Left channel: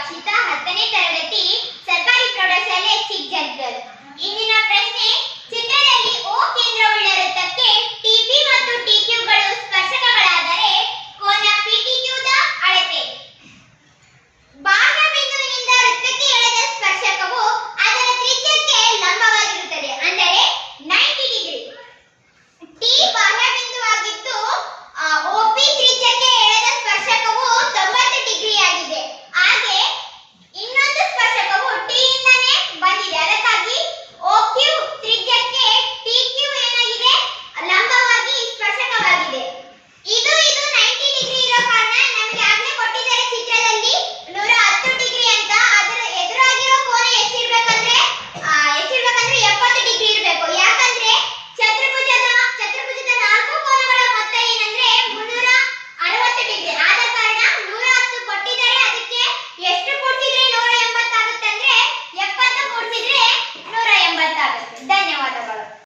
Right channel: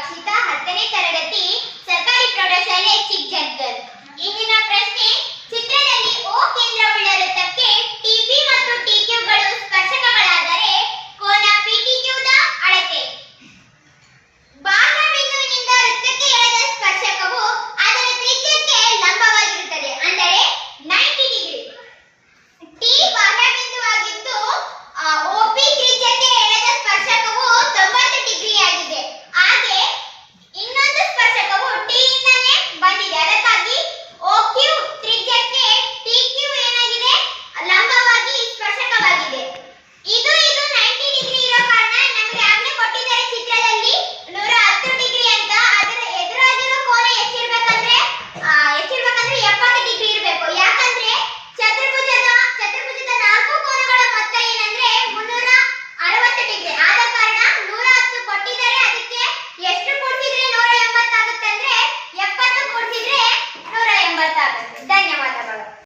ಅಕ್ಷಿತಾ ಹತ್ತನೇ ತರಗತಿ ధన్యవాదాలు